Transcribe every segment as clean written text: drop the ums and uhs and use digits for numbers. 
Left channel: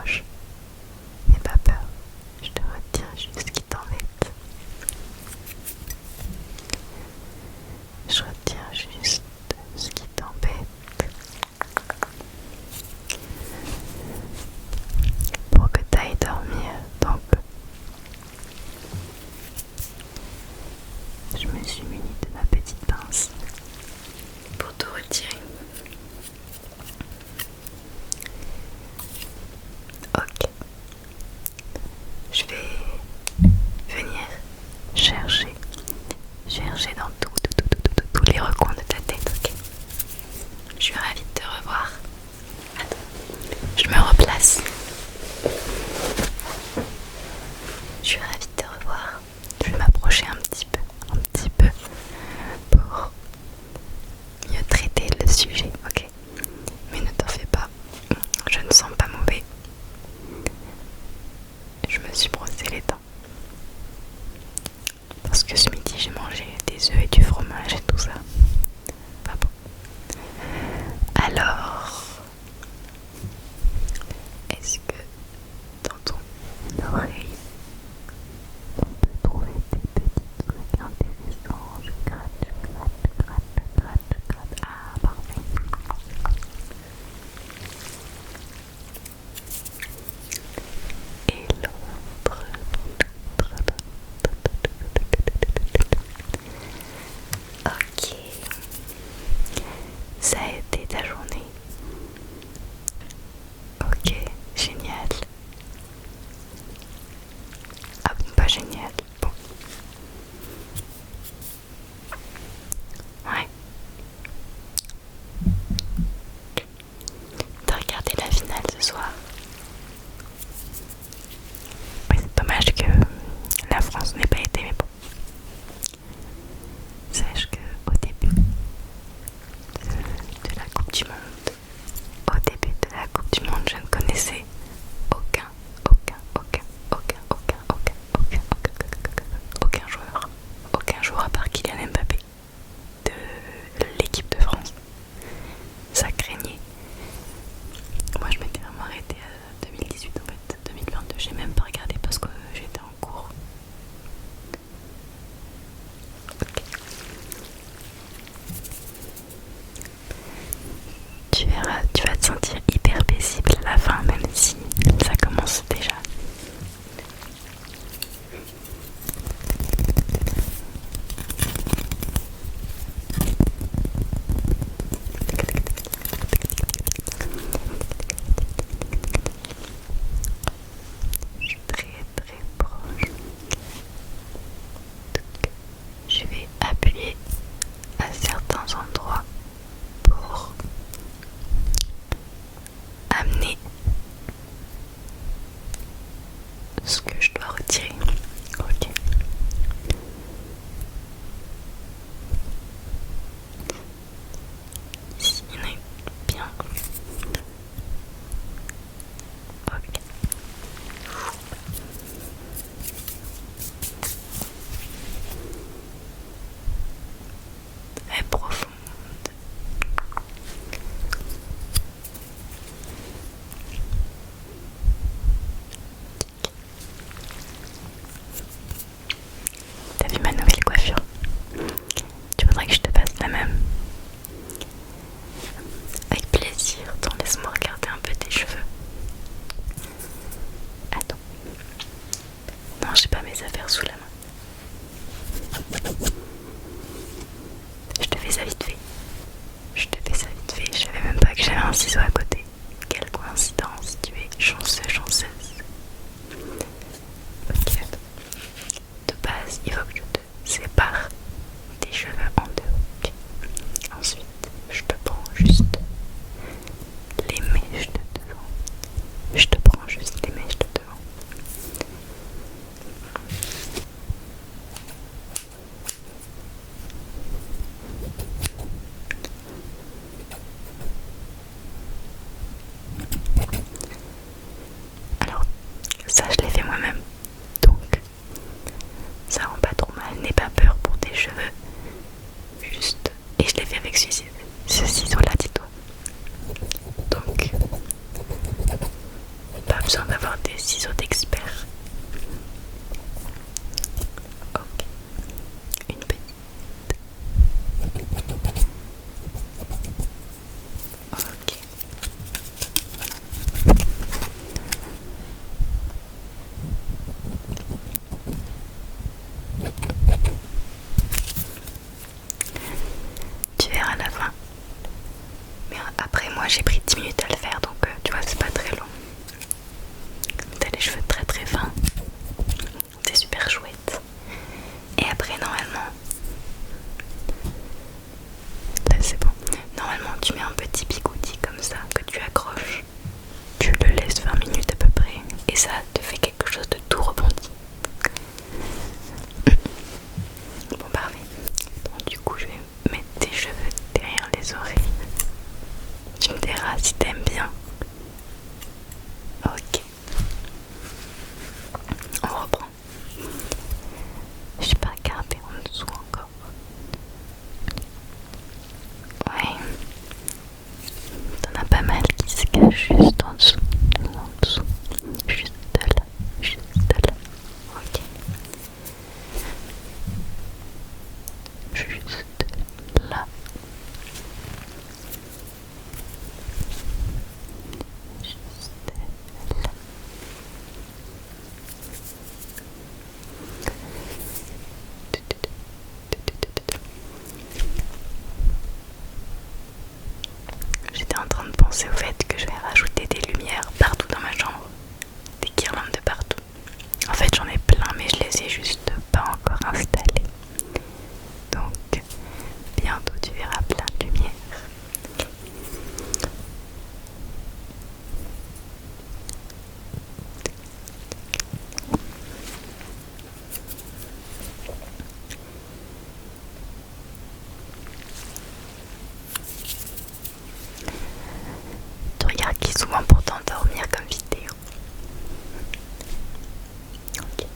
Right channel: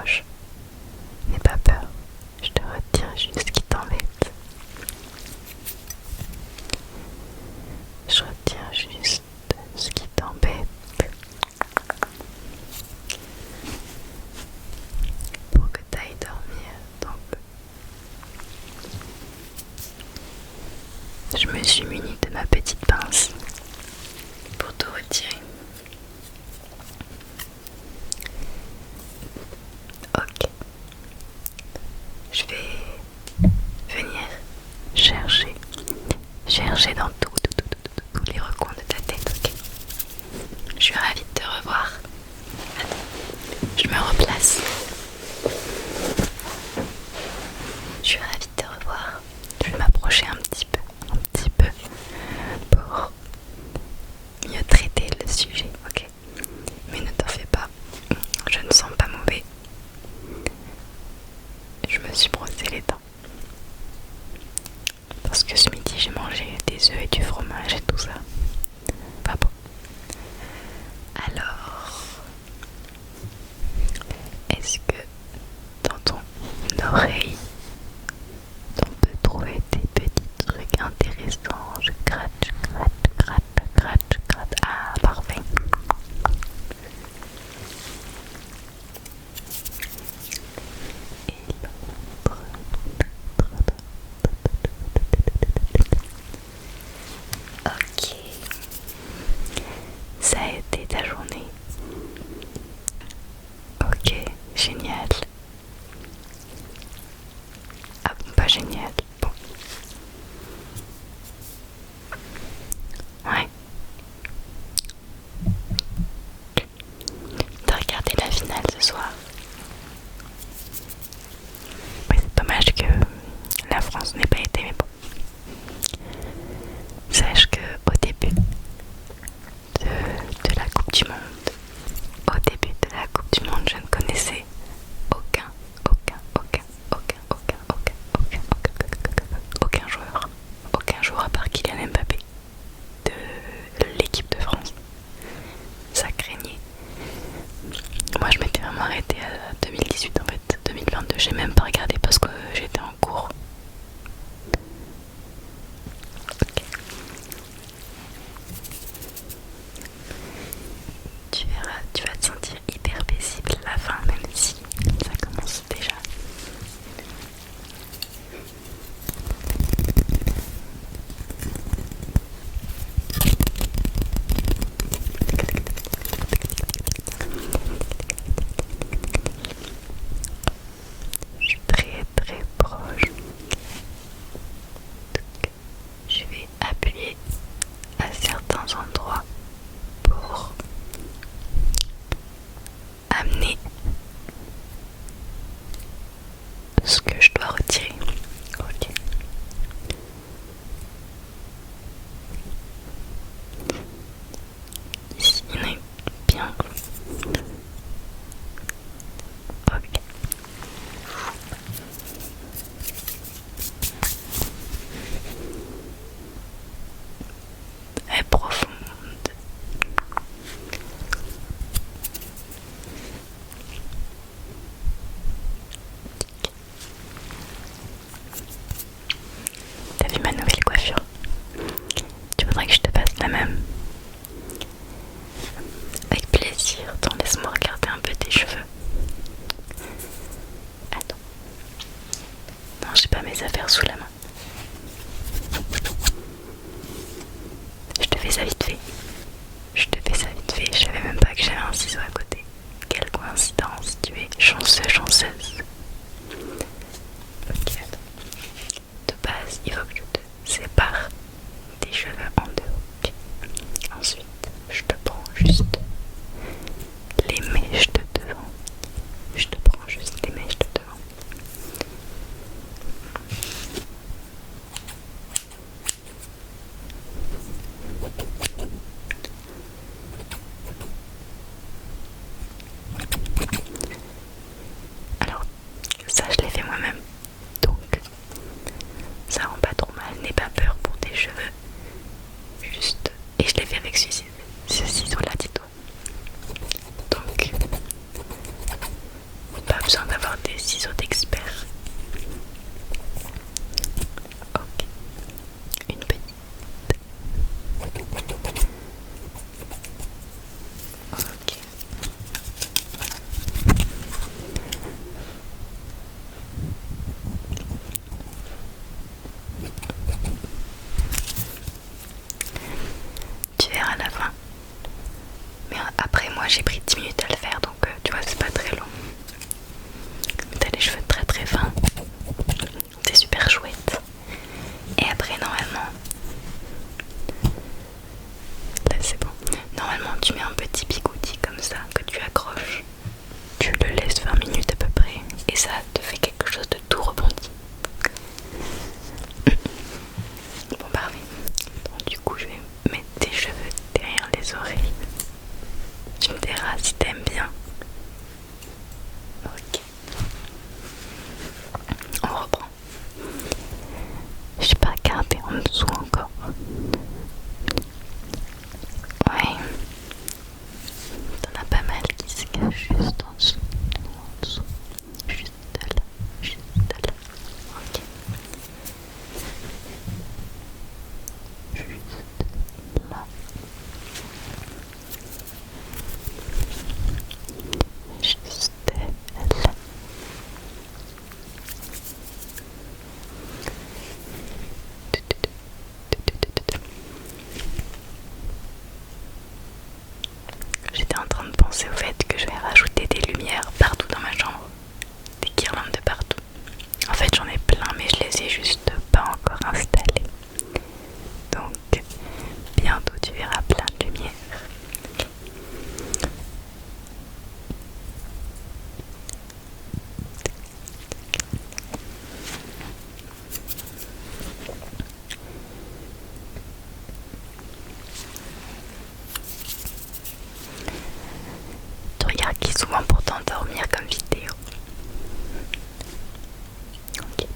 proche. N'aie pas peur, je te retiens juste ce qui t'embête. Je retiens juste ce qui t'embête pour que tu ailles dormir. Donc, je me suis munie de ma petite pince pour te retirer. Ok, je vais venir chercher dans tous les recoins de ta tête, ok? Je suis ravie de te revoir. Attends, je me replace. Je suis ravie de te revoir. Je vais m'approcher un petit peu pour mieux traiter le sujet, ok? Mais ne t'en fais pas, je ne sens pas mauvais. Je me suis brossé les dents. Parce que ce midi j'ai mangé des œufs et du fromage et tout ça. Pas bon. Alors, est-ce que dans ton oreille on peut trouver des petits trucs intéressants? Je gratte, je gratte, je gratte, je gratte, je gratte. Ah, parfait. Et l'autre. Ok. Ça a été ta journée? Ok, génial. Ah bon, pas génial. Bon. Ouais. T'as regardé la finale ce soir? Ouais, c'est dommage que la France n'ait pas été, mais bon. Sache que au début de la Coupe du Monde, je ne connaissais aucun joueur à part Kylian Mbappé de l'équipe de France. Ça craignait. Moi je m'étais vraiment arrêtée à 2018 en fait. 2022 j'ai même pas regardé parce que j'étais en cours. Ok. Tu verras, tu vas te sentir hyper paisible à la fin, même si ça commence déjà. Je suis très très proche. Je vais appuyer à certains endroits pour amener ce que je dois retirer. Ok. Ici, on est bien. Ok. Elle est profonde. T'as vu ma nouvelle coiffure? Tu voudrais que je te fasse la même? Avec plaisir. Attends, laisse-moi regarder un peu tes cheveux. Attends. Non, j'ai pas mes affaires sous la main. Je te fais ça vite fait. Je savais même pas que j'avais un ciseau à côté. Quelle coïncidence, tu es chanceux, chanceuse. Ok, attends. De base, il faut que je te sépare tes cheveux en deux. Okay. Ensuite, je te prends juste les mèches de devant. Alors, besoin d'avoir des ciseaux d'expert. Ok, une petite. Ok. Tu verras à la fin. Mais après moi j'ai pris 10 minutes à le faire, donc tu vois c'est pas très long. T'as les cheveux très très fins. C'est super chouette. Et après normalement, là c'est bon. Normalement tu mets un petit bigoudi comme ça que tu accroches. Tu le laisses 20 minutes à peu près et ça te fait quelque chose de tout rebondi. Bon parfait. Donc du coup je vais mettre tes cheveux derrière les oreilles. Tu me diras si t'aimes bien. Ok. On reprend. Je sais pas garder en dessous encore. Ouais. T'en as pas mal qui se cachent juste en dessous. En dessous. Juste là. Juste là. Ok. Juste là. Juste là. J'étais en train de penser au fait que je vais rajouter des lumières partout dans ma chambre. Des guirlandes de partout. En fait j'en ai plein mais je les ai juste pas encore installées. Donc bientôt tu verras plein de lumière. Tu regardes qui souvent pour t'endormir comme vidéo. Ok.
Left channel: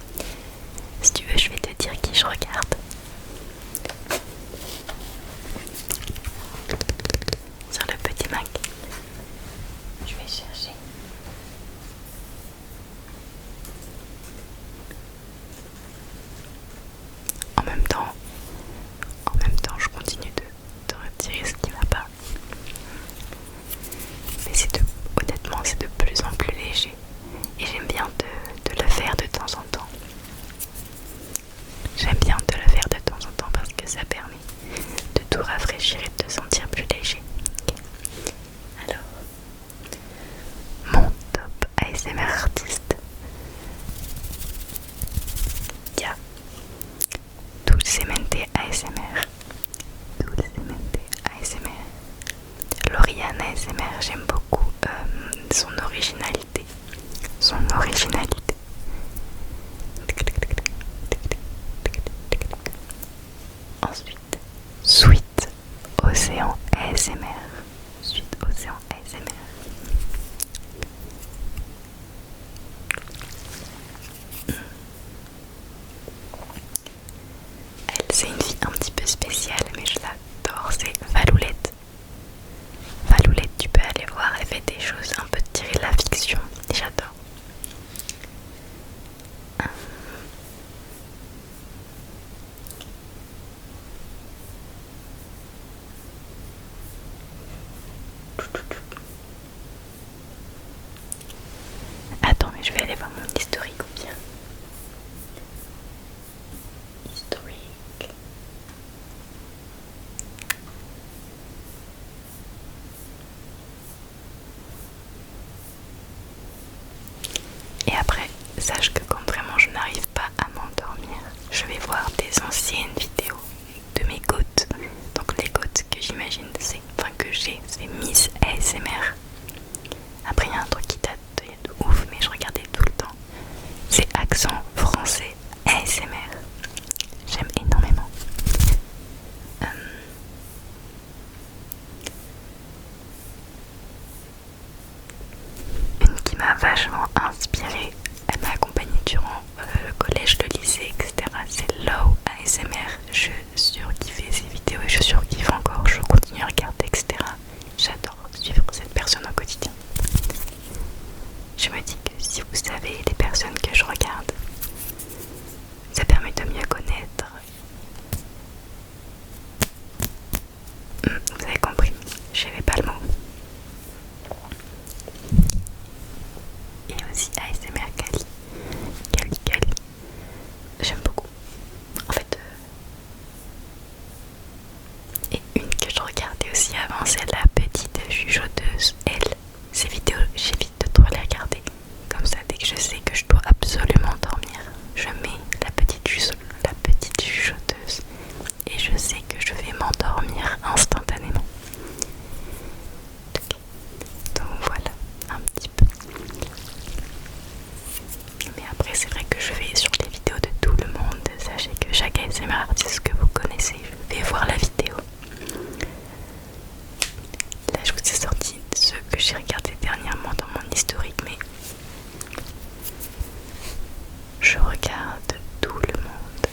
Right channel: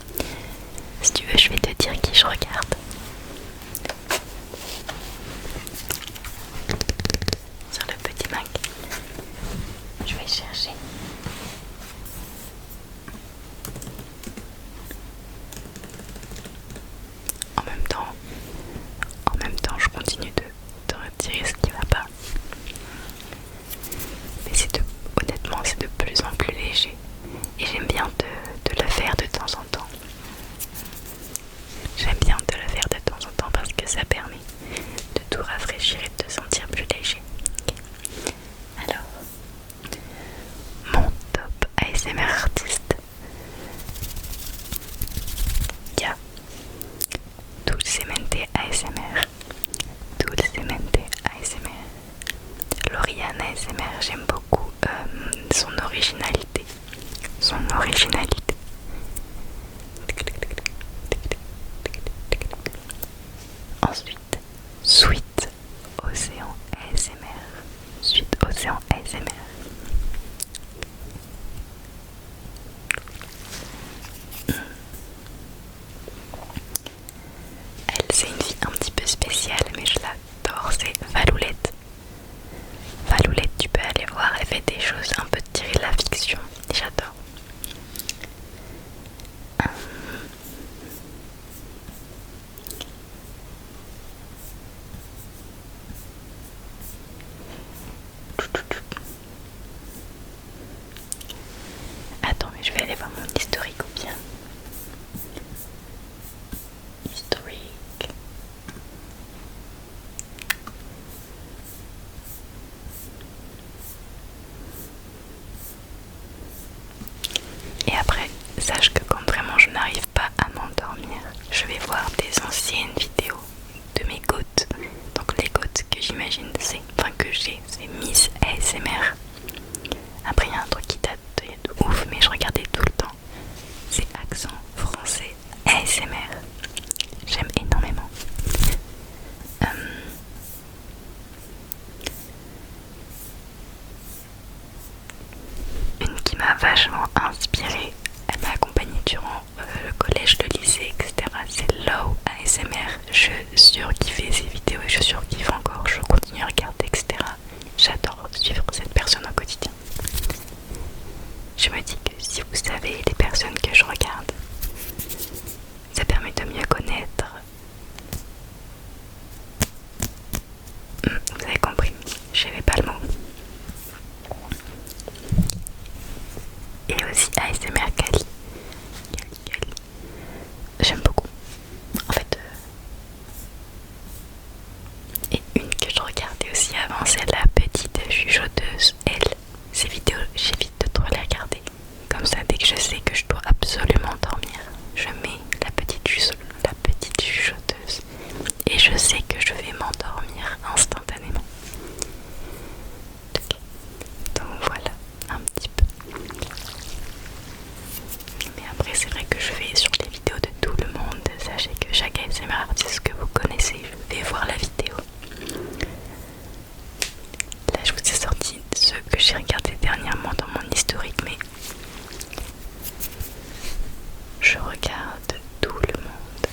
Si tu veux je vais te dire qui je regarde. Sur le petit Mac. Je vais chercher. En même temps, je continue de retirer ce qui va pas. Mais honnêtement, c'est de plus en plus léger. Et j'aime bien de le faire de temps en temps. J'aime bien de le faire de temps en temps parce que ça permet de tout rafraîchir et de te sentir plus léger. Okay. Alors, mon top ASMR artiste. Il y a Dulcemente ASMR. Dulcemente ASMR. Lauriane ASMR, j'aime beaucoup son originalité. Son originalité. Ensuite, Sweet Océan ASMR. Sweet Océan ASMR. Elle, c'est une fille un petit peu spéciale, mais je l'adore, c'est Valoulette. Valoulette, tu peux aller voir, elle fait des choses un peu tirées de la fiction, et j'adore. Attends, mais je vais aller voir mon historique ou bien. Historique. Et après, sache que quand vraiment je n'arrive pas à m'endormir, je vais voir des anciennes vidéos de mes gouttes. Donc les gouttes que j'imagine que j'ai, c'est Miss ASMR. Après il y a un truc qui date de ouf mais je regardais tout le temps. C'est accent français ASMR. J'aime énormément. Une qui m'a vachement inspirée, elle m'a accompagnée durant le collège, le lycée, etc. C'est Low ASMR. Je surkiffais ses vidéos et je surkiffe encore. Je continue à regarder, etc. J'adore suivre cette personne au quotidien. Je sais me dis que si vous savez les personnes que je regarde, ça permet de mieux connaître. Vous avez compris, je n'avais pas le mot. Et aussi ASMR Kali. J'aime beaucoup. En fait, et une que je regardais aussi avant, c'est la petite chuchoteuse. Elle, ces vidéos, j'évite de trop les regarder. Comme ça, dès que je sais que je dois absolument dormir, je mets la petite chuchoteuse. Et je sais que je vais m'endormir instantanément. Donc voilà, un petit peu. Mais après, c'est vrai que je vais sur les vidéos de tout le monde. Sachez que chaque ASMR artiste que vous connaissez, je vais voir la vidéo. Là, je vous ai sorti ceux que j'ai regardés dernièrement dans mon historique, mais je regarde tout le monde.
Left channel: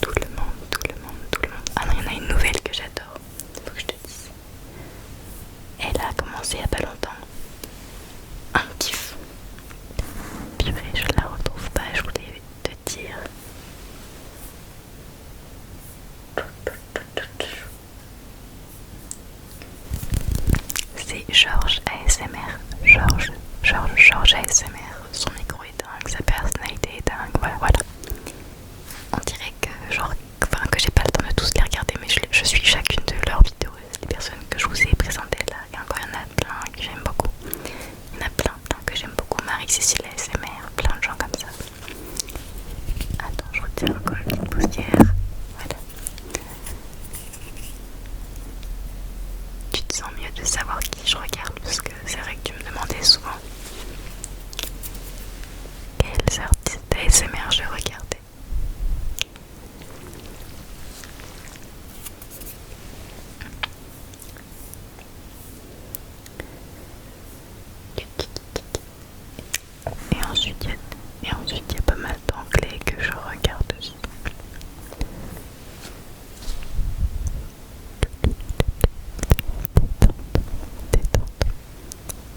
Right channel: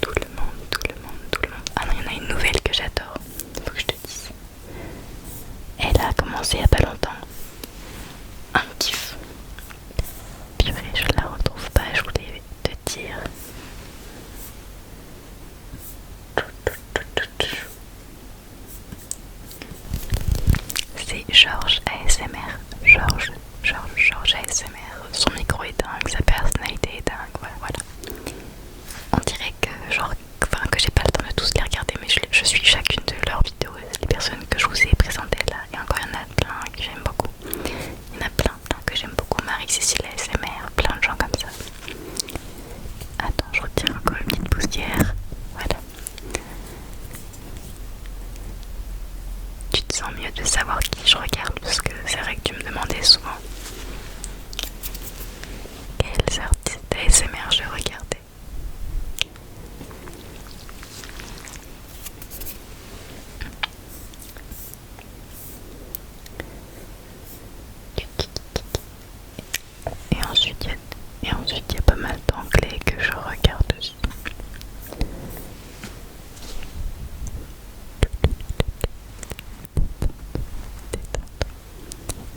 Tout le monde, tout le monde, tout le monde. Ah non, il y en a une nouvelle que j'adore. Faut que je te dise. Elle a commencé il y a pas longtemps. Un kiff. Purée, je la retrouve pas, je voulais te dire. C'est Georges ASMR. Georges ASMR. Son micro est dingue, sa personnalité est dingue, voilà. On dirait que genre, enfin, que j'ai pas le temps de tous les regarder, mais je suis chacune de leurs vidéos. Les personnes que je vous ai présentées là, et encore il y en a plein que j'aime beaucoup. Il y en a plein que j'aime beaucoup. Marie-Cécile ASMR, plein de gens comme ça. Attends, je retire encore une petite poussière. Voilà. Tu te sens mieux de savoir qui je regarde, parce que c'est vrai que tu me demandais souvent quels artistes ASMR je regardais. Et ensuite il y a pas mal d'anglais que je regarde aussi. Détente.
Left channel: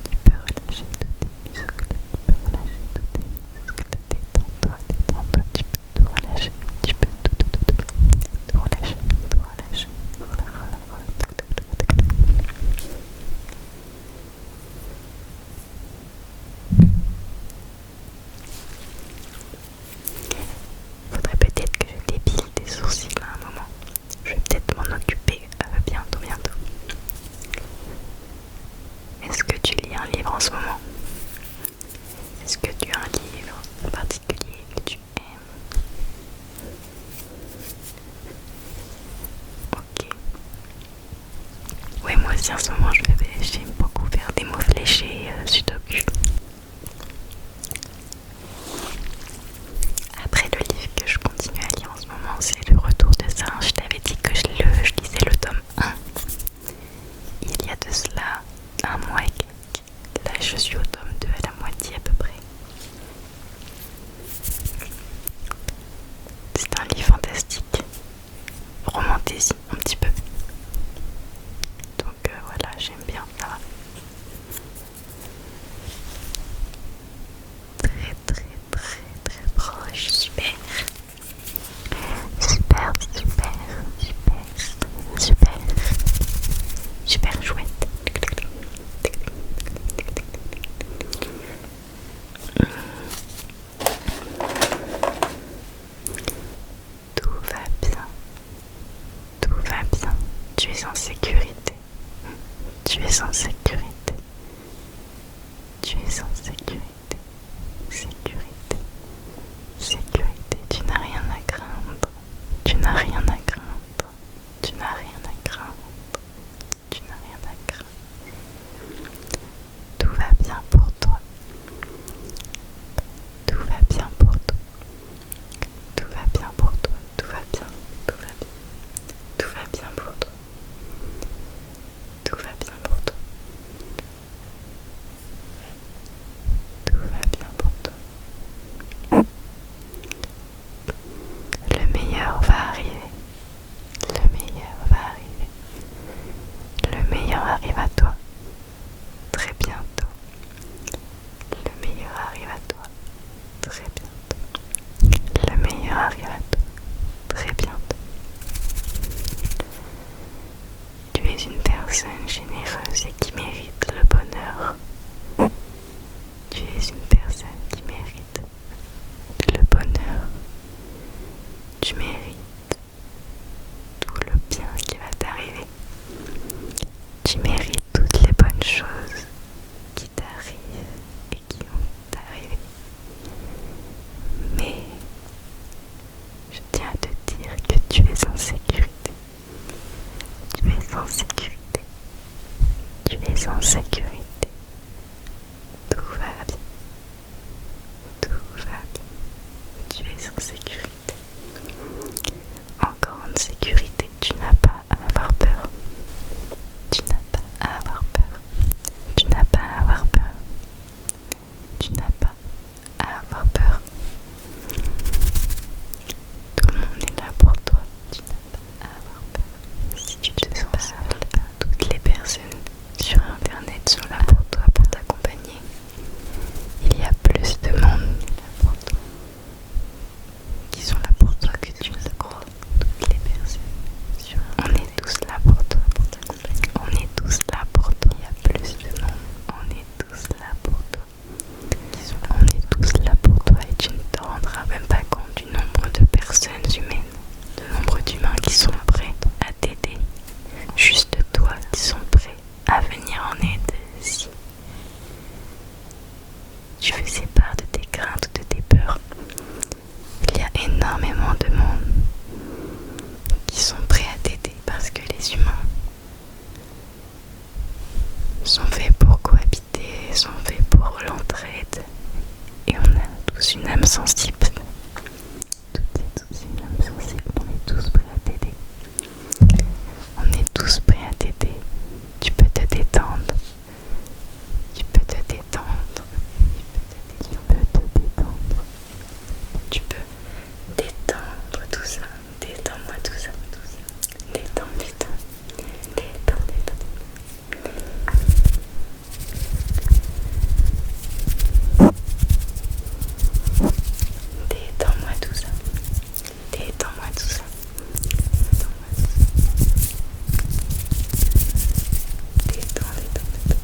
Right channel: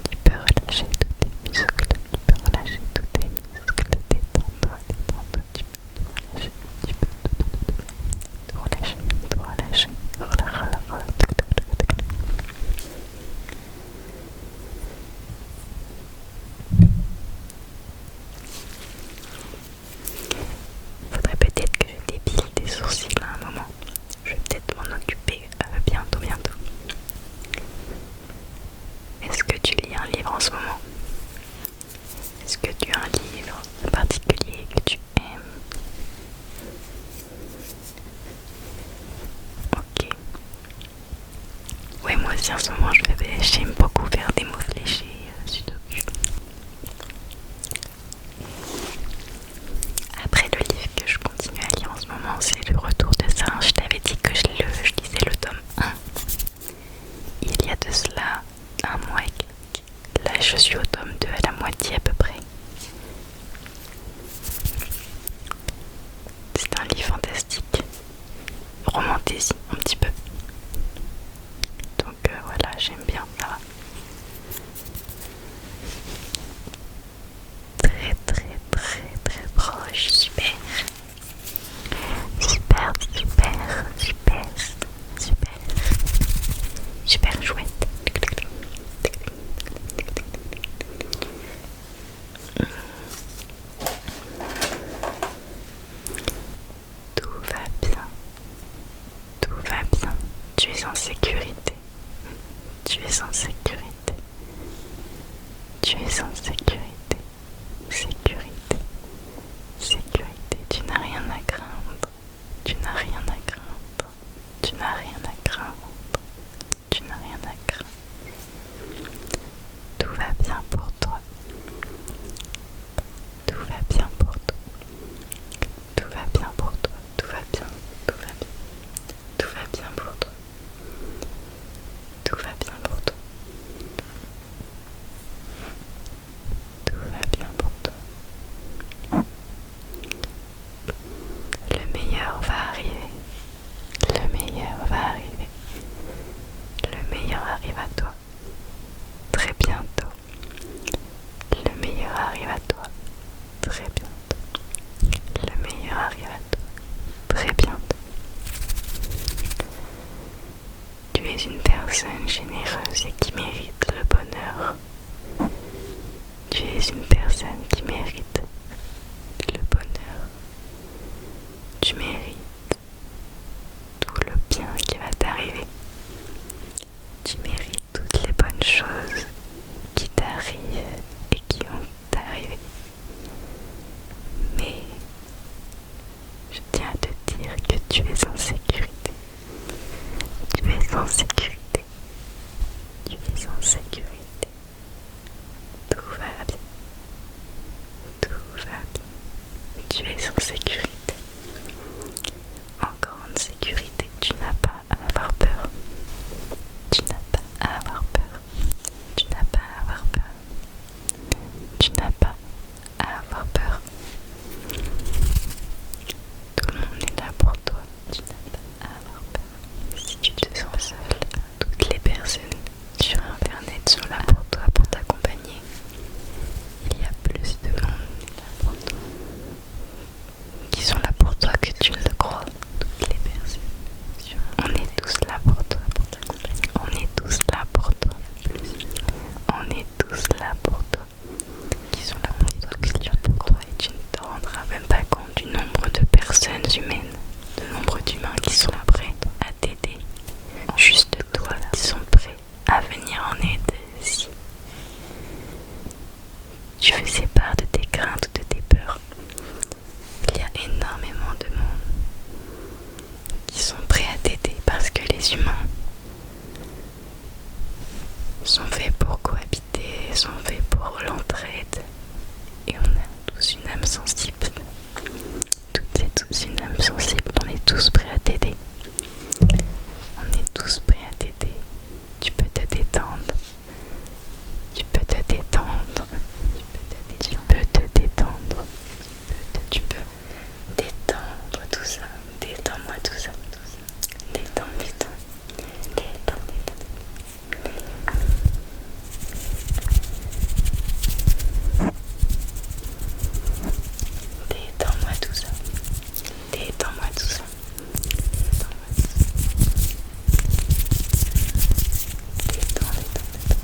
Tu peux relâcher tous tes muscles. Tu peux relâcher tous tes muscles. Détends-toi. Tu peux tout relâcher. Tu peux tout relâcher. Tout relâcher. Faudrait peut-être que je dépile tes sourcils à un moment. Je vais peut-être m'en occuper bientôt. Est-ce que tu lis un livre en ce moment? Est-ce que tu as un livre en particulier que tu aimes? Ok. Ouais, moi aussi en ce moment j'aime beaucoup faire des mots fléchés sudoku. Après, le livre que je continue à lire en ce moment, c'est Le Retour de Singe. Je t'avais dit que je lisais le tome 1 il y a de cela un mois et quelques. Là je suis au tome 2 à la moitié à peu près. C'est un livre fantastique, romantasy un petit peu. Donc voilà, j'aime bien ça. Très très très très proche, super. Super chouette. Tout va bien. Tout va bien. Tu es en sécurité. Tu es en sécurité. Tu es en sécurité. Sécurité. Sécurité. Tu n'as rien à craindre. Tu n'as rien à craindre. Tu n'as rien à craindre. Tu n'as rien à craindre. Tout va bien pour toi. Tout va bien pour toi. Tout va bien pour toi. Tout va bien. Tout va bien. Tout va bien pour toi. Tout va bien pour toi. très bientôt. Le meilleur arrive à toi très bientôt. Tu es une personne généreuse et qui mérite le bonheur. Tu es une personne qui mérite le bonheur. Tu mérites tout le bien qui va t'arriver. Tu mérites toutes les bonnes choses qui t'arrivent et qui vont t'arriver. Mais je tiens à te dire que tu es en sécurité. Tu es en sécurité. Tu es en sécurité. Tout va bien. Tout va bien. Tu es en sécurité. En grande sécurité. Tu n'as pas à avoir peur. Tu n'as pas à avoir peur. Tu n'as pas à avoir peur. Tu n'as pas à avoir peur. Tout le monde est là pour toi. Tu n'as pas à avoir peur. Si tu te sens seul, toutes les personnes sur internet sont là pour toi, pour t'accompagner. Il y a plus de monde là pour toi, qui sont là pour toi que tu ne le crois. Toutes les personnes sur internet. On est tous là pour toi, pour t'accompagner. On est tous là pour toi. Il y a plus de monde. On est tous là pour toi. Qui sont là. On est tous là pour toi et tu ne te rendras même pas compte du nombre de personnes humaines, du nombre d'humains qui sont prêts à t'aider. Juste toi qui sont prêts à venir en aide si tu faisais part de tes craintes ou de tes peurs. Il y a énormément de monde qui sont prêts à t'aider parce que les humains sont faits pour cohabiter, sont faits pour l'entraide et on a tous une âme sensible. Toutes et tous une âme sensible, on est tous prêts à t'aider. On est tous prêts à t'aider. Tu peux te détendre. Tu peux te détendre. Tu peux te détendre. Tu peux détendre tout ça. Détends-moi tout ça. Détends, détends. Détends, détends. Détends-moi tout ça. Détends-moi tout ça. Détends-moi tout ça. Détends, détends, détends.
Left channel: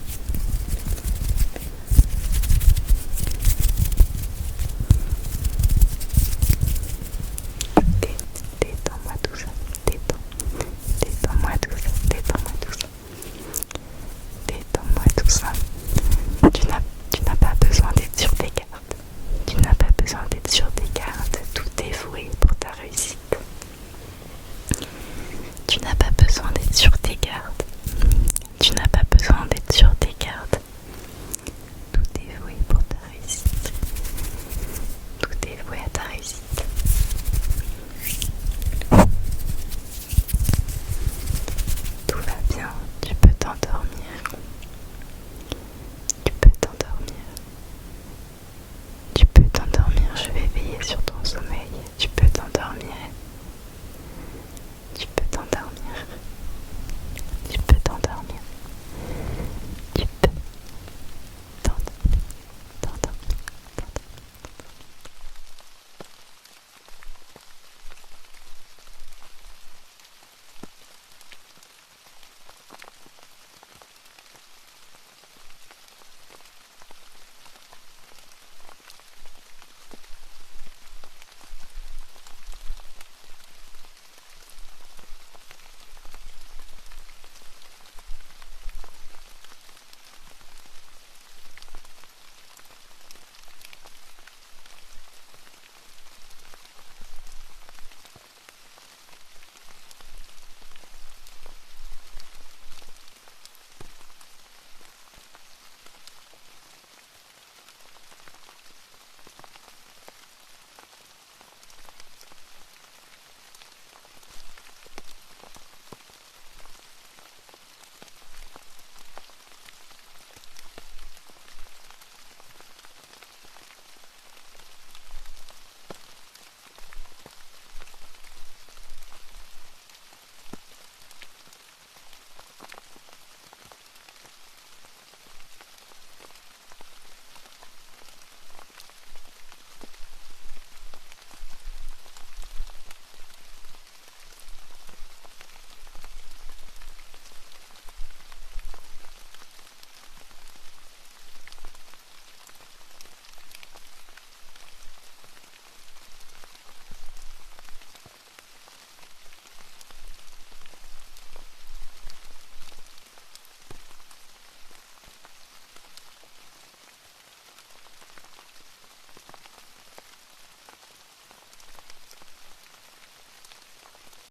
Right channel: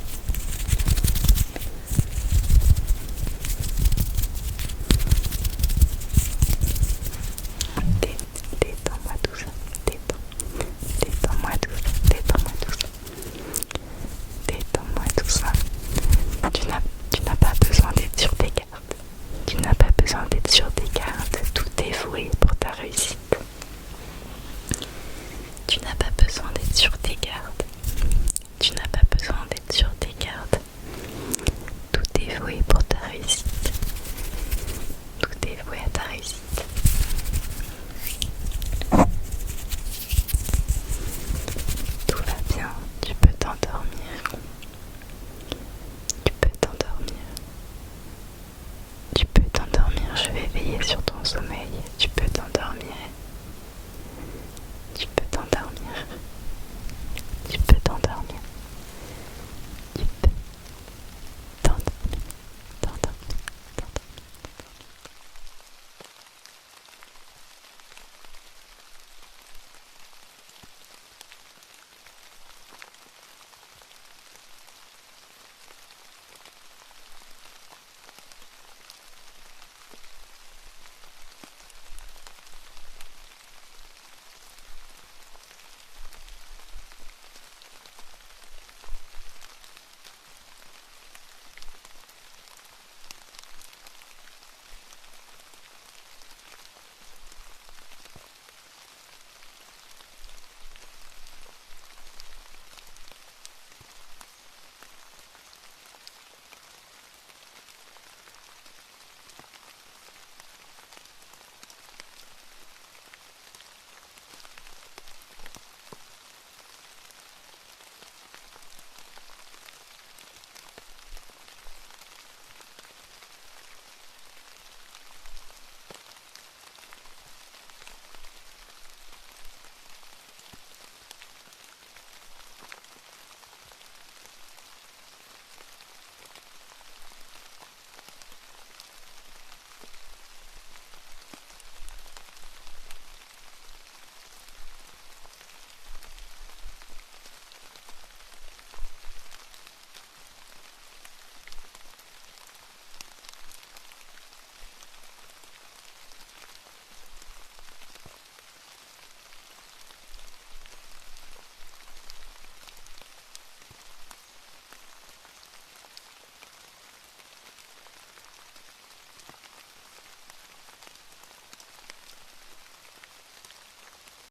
Détends-moi tout ça. Détends-moi tout ça. Détends-moi tout ça. Détends-moi tout ça. Tu n'as pas besoin d'être sur tes cartes. Tu n'as pas besoin d'être sur tes cartes. Tout est voué pour ta réussite. Tu n'as pas besoin d'être sur tes gardes. Tu n'as pas besoin d'être sur tes gardes. Tout est voué pour